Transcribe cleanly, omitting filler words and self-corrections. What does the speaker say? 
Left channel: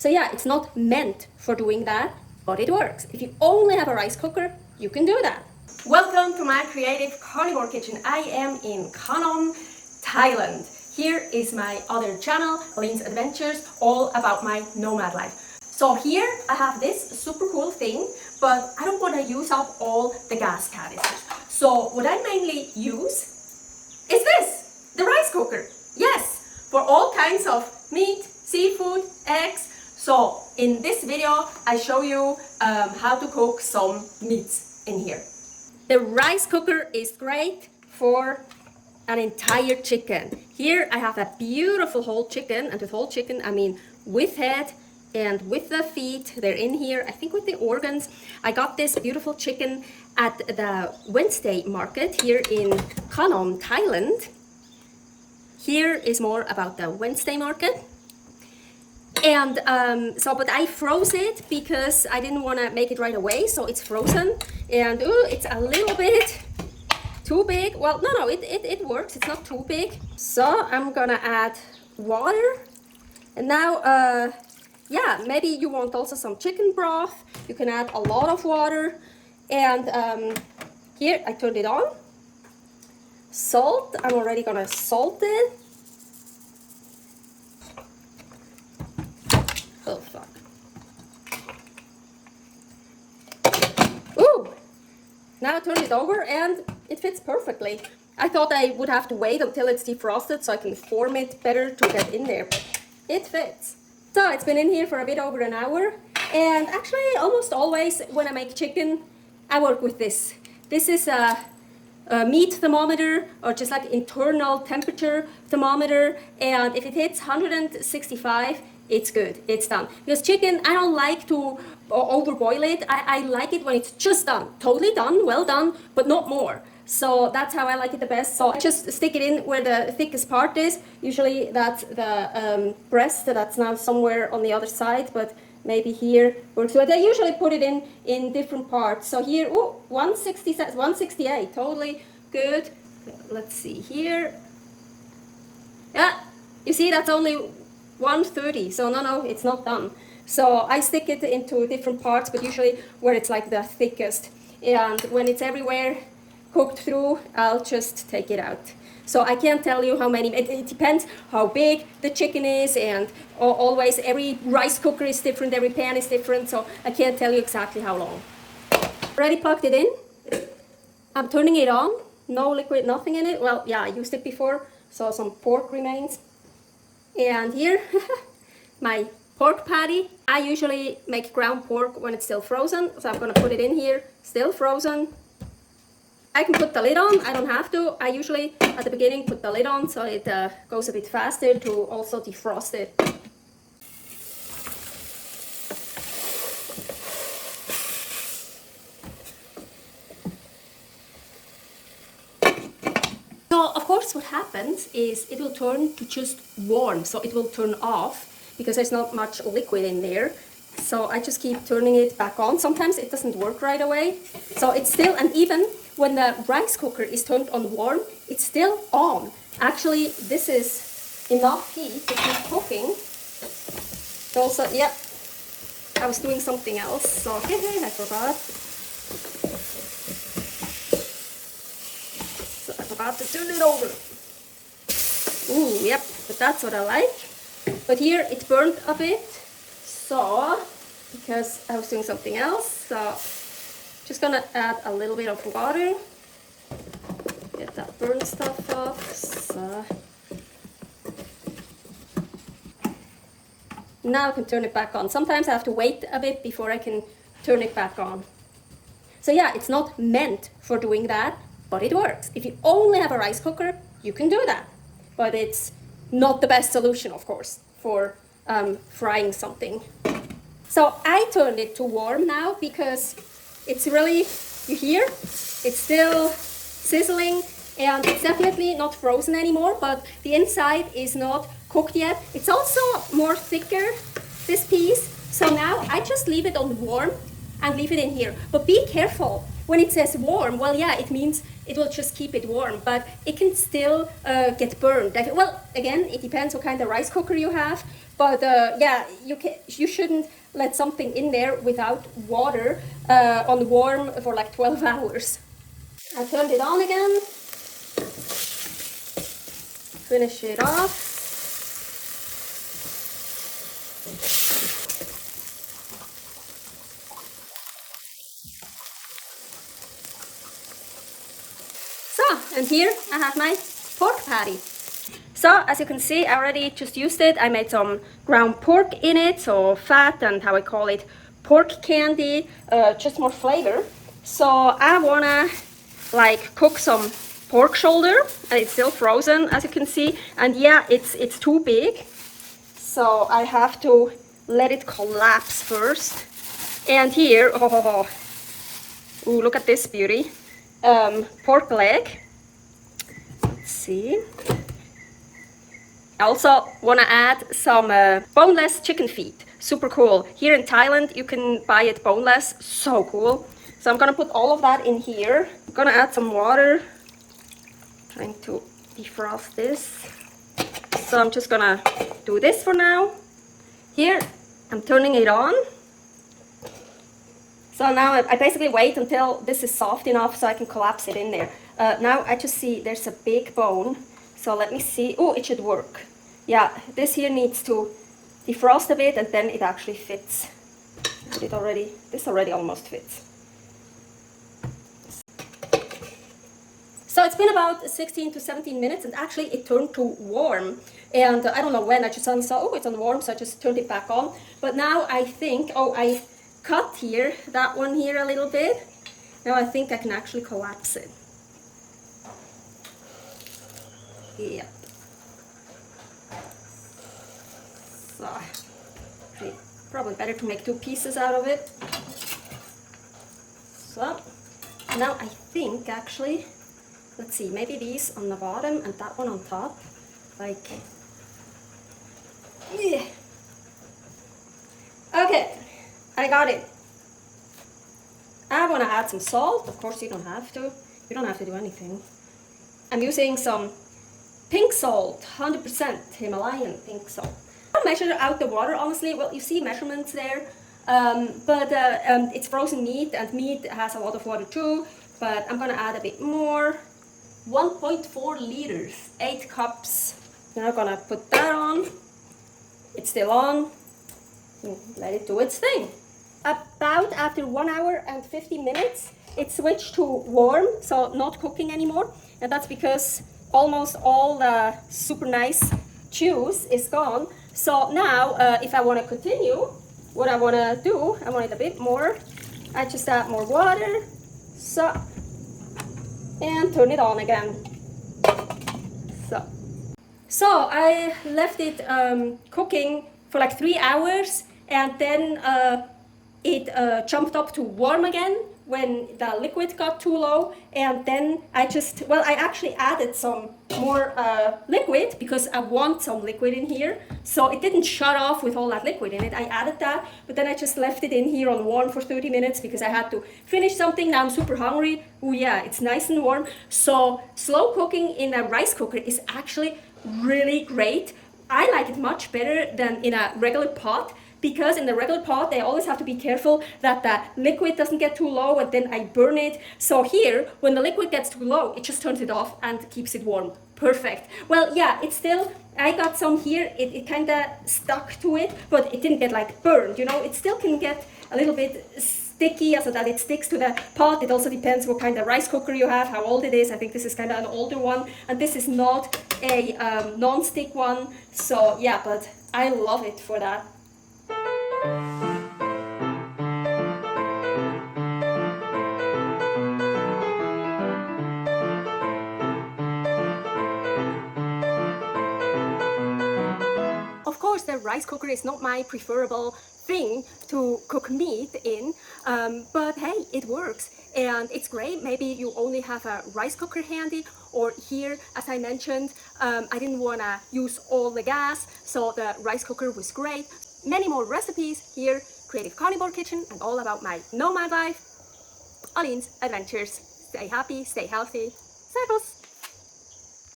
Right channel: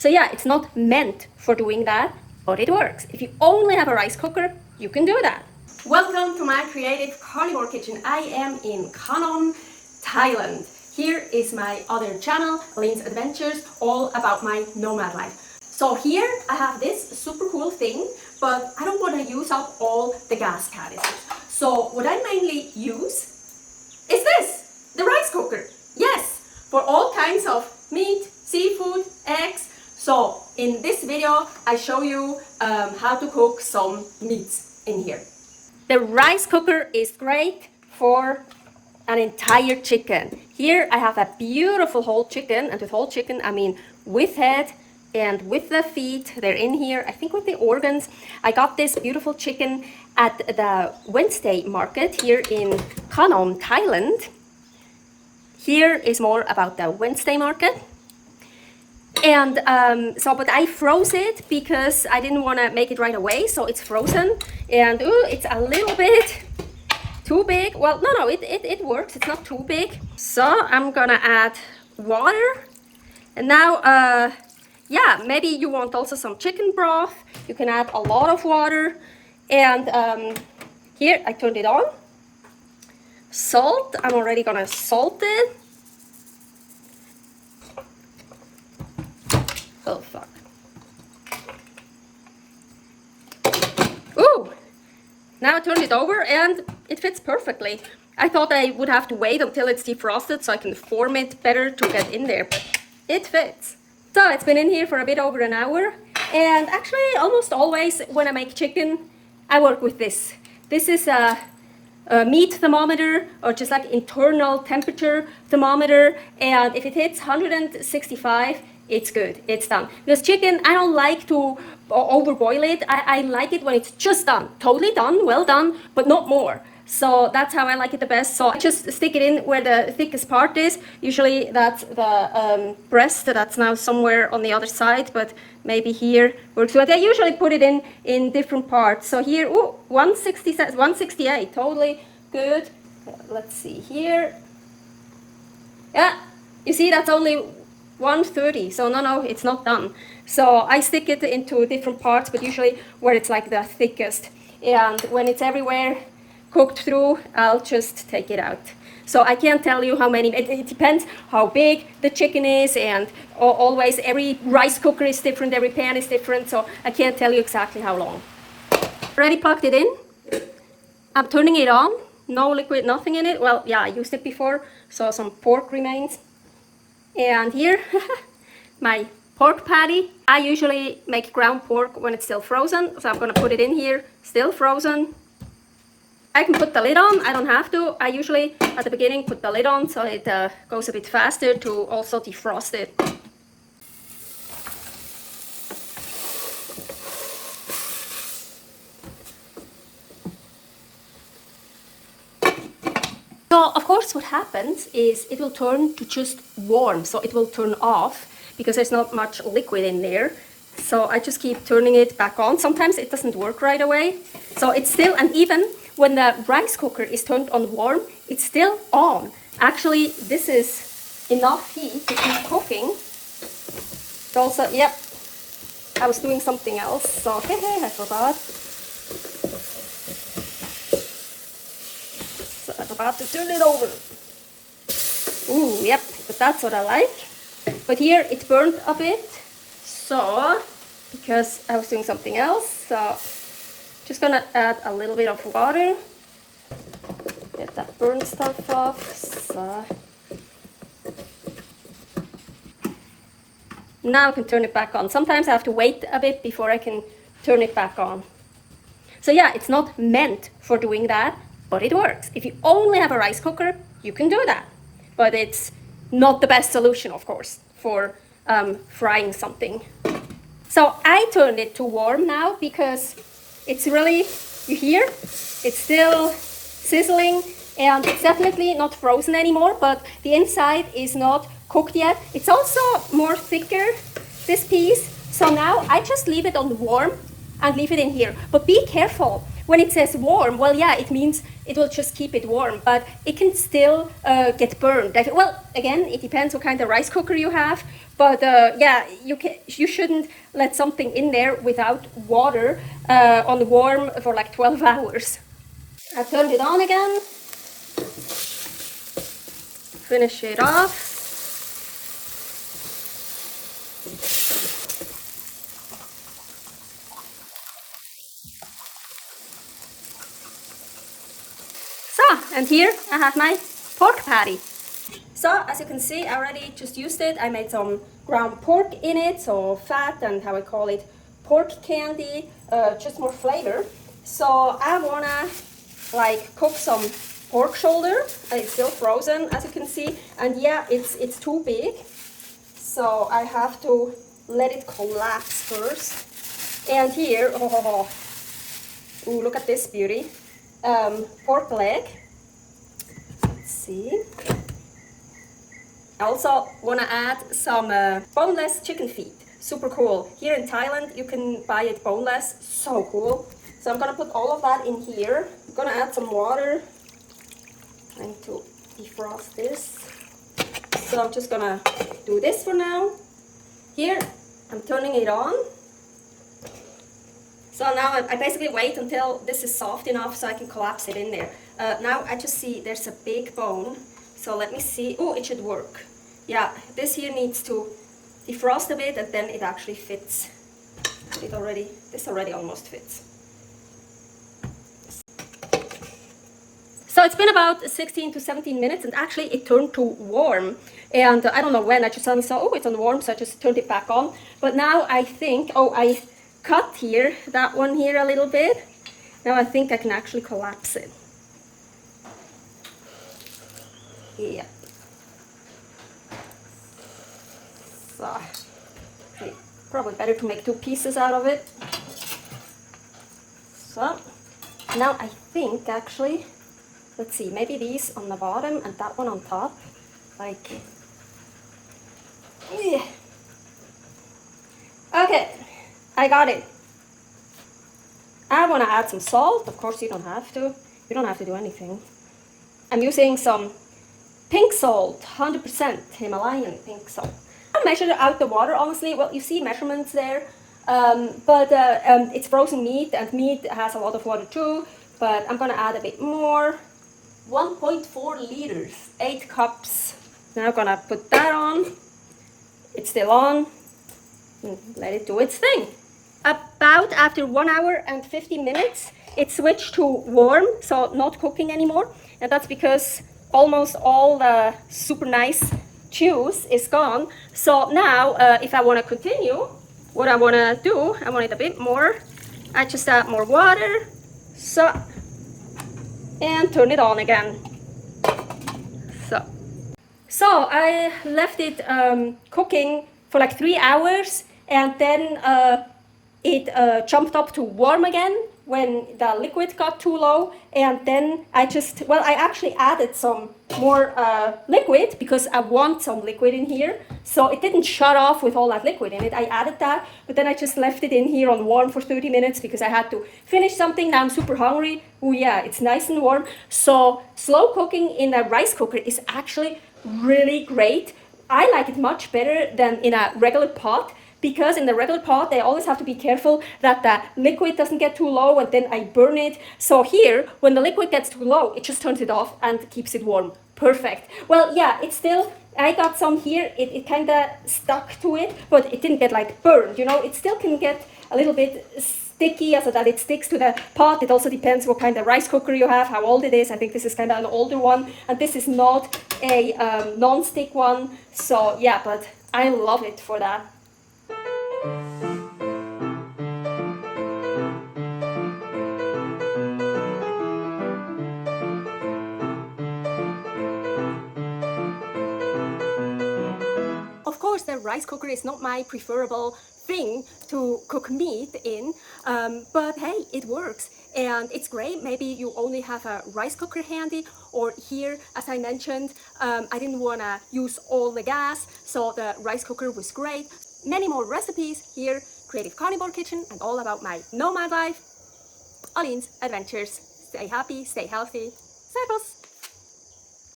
So yeah, it's not meant for doing that, but it works. If you only have a rice cooker, you can do that. Welcome to my creative carnivore kitchen. I am in Khanom, Thailand. Here is my other channel, Lynn's Adventures, all about my nomad life. So here I have this super cool thing, but I don't want to use up all the gas canisters. So what I mainly use is this, the rice cooker. Yes, for all kinds of meat, seafood, eggs. So in this video, I show you how to cook some meats in here. The rice cooker is great for an entire chicken. Here I have a beautiful whole chicken, and with whole chicken I mean with head and with the feet. They're in here, I think with the organs. I got this beautiful chicken at the Wednesday market here in Khanom, Thailand. Here is more about the Wednesday market. And but I froze it because I didn't want to make it right away, so it's frozen. And ooh, it's a little bit too big. Well, no, it works. It's not too big. So I'm gonna add water. And now, yeah, maybe you want also some chicken broth. You can add a lot of water. And here, I turned it on. Salt, I'm already gonna salt it. Oh, fuck. Ooh! Now I turn it over and it fits perfectly. I thought I would have to wait until it's defrosted so I can form it better to get in there. It fits. So it's been in here for a bit over an hour, and actually almost always when I make chicken I work with this. This is a meat thermometer, or just like internal temperature thermometer, and if it hits 165 it's good, it's done. Because chicken, I don't like to overboil it. I like it when it's just done, totally done, well done, but not more. So that's how I like it the best. So I just stick it in where the thickest part is. Usually that's the breast, that's now somewhere on the other side, but maybe here works. But I usually put it in different parts. So here, ooh, 168, totally good. Let's see here. Yeah, you see that's only 130, so no, it's not done. So I stick it into different parts, but usually where it's like the thickest. And when it's everywhere cooked through, I'll just take it out. So I can't tell you how many, it depends how big the chicken is, and always every rice cooker is different, every pan is different, so I can't tell you exactly how long. Already plugged it in. I'm turning it on, no liquid, nothing in it. Well, yeah, I used it before, so some pork remains. And here, my pork patty. I usually make ground pork when it's still frozen, so I'm gonna put it in here, still frozen. I can put the lid on, I don't have to. I usually, at the beginning, put the lid on so it goes a bit faster to also defrost it. So, of course, what happens is it will turn to just warm, so it will turn off because there's not much liquid in there. So I just keep turning it back on. Sometimes it doesn't work right away. So it's still, and even when the rice cooker is turned on warm, it's still on. Actually, this is enough heat to keep cooking. So also, yep, I was doing something else, so I forgot. So I forgot to turn it over. Ooh, yep, but that's what I like. But here it burned a bit. So, because I was doing something else, so just gonna add a little bit of water, get that burnt stuff off. So now I can turn it back on. Sometimes I have to wait a bit before I can turn it back on. So yeah, it's not meant for doing that, but it works. If you only have a rice cooker, you can do that. But it's not the best solution, of course, for frying something. So I turned it to warm now because it's really, you hear, it's still sizzling, and it's definitely not frozen anymore, but the inside is not cooked yet. It's also more thicker, this piece. So now I just leave it on warm and leave it in here. But be careful. When it says warm, well, yeah, it means it will just keep it warm, but it can still get burned. Well, again, it depends what kind of rice cooker you have, but yeah, you shouldn't let something in there without water on warm for like 12 hours. I turned it on again. Finish it off. And here I have my pork patty. So as you can see, I already just used it. I made some ground pork in it, so fat and how I call it, pork candy, just more flavor. So I wanna like cook some pork shoulder, and it's still frozen as you can see. And yeah, it's too big, so I have to let it collapse first. And here, ooh, look at this beauty, pork leg. See. I also want to add some boneless chicken feet. Super cool. Here in Thailand you can buy it boneless. So cool. So I'm gonna put all of that in here. I'm gonna add some water. Trying to defrost this. So I'm just gonna do this for now. Here I'm turning it on. So now I basically wait until this is soft enough so I can collapse it in there. Now I just see there's a big bone, so let me see. Oh, it should work. Yeah, this here needs to defrost a bit, and then it actually fits. This already almost fits. So it's been about 16 to 17 minutes, and actually it turned to warm. And I don't know when, I just suddenly saw, oh, it's on warm, so I just turned it back on. But now I think, oh, I cut here, that one here a little bit. Now I think I can actually collapse it. Yeah. So, probably better to make two pieces out of it. So, now I think actually, let's see, maybe these on the bottom and that one on top. Like, yeah. Okay, I got it. I want to add some salt. Of course, you don't have to. You don't have to do anything. I'm using some pink salt, 100% Himalayan pink salt. I measured out the water, honestly. Well, you see measurements there. But it's frozen meat, and meat has a lot of water too. But I'm going to add a bit more. 1.4 liters, 8 cups. Now I'm going to put that on. It's still on. Let it do its thing. About after 1 hour and 50 minutes, it switched to warm, so not cooking anymore. And that's because almost all the super nice juice is gone. So now, if I want to continue, what I want to do, I want it a bit more. I just add more water, so, and turn it on again. So I left it cooking for like 3 hours, and then it jumped up to warm again when the liquid got too low. And then I actually added some more liquid because I want some liquid in here. So it didn't shut off with all that liquid in it. I added that, but then I just left it in here on warm for 30 minutes because I had to finish something. Now I'm super hungry. Oh yeah, it's nice and warm. So slow cooking in a rice cooker is actually really great. I like it much better than in a regular pot, because in the regular pot I always have to be careful that the liquid doesn't get too low and then I burn it. So here, when the liquid gets too low, it just turns it off and keeps it warm. Perfect. Well, yeah, it's still, I got some here, it kind of stuck to it, but it didn't get like burned, you know. It still can get a little bit sticky so that it sticks to the pot. It also depends what kind of rice cooker you have, how old it is. I think this is kind of an older one, and this is not a non-stick one. So yeah, but I love it for that. Of course, the rice cooker is not my preferable thing to cook meat in, but hey, it works and it's great. Maybe you only have a rice cooker handy, or here, as I mentioned, I didn't want to use all the gas, so the rice cooker was great. Many more recipes here. creative carnivore kitchen and all about my nomad life. Aline's adventures. Stay happy, stay healthy. Servus!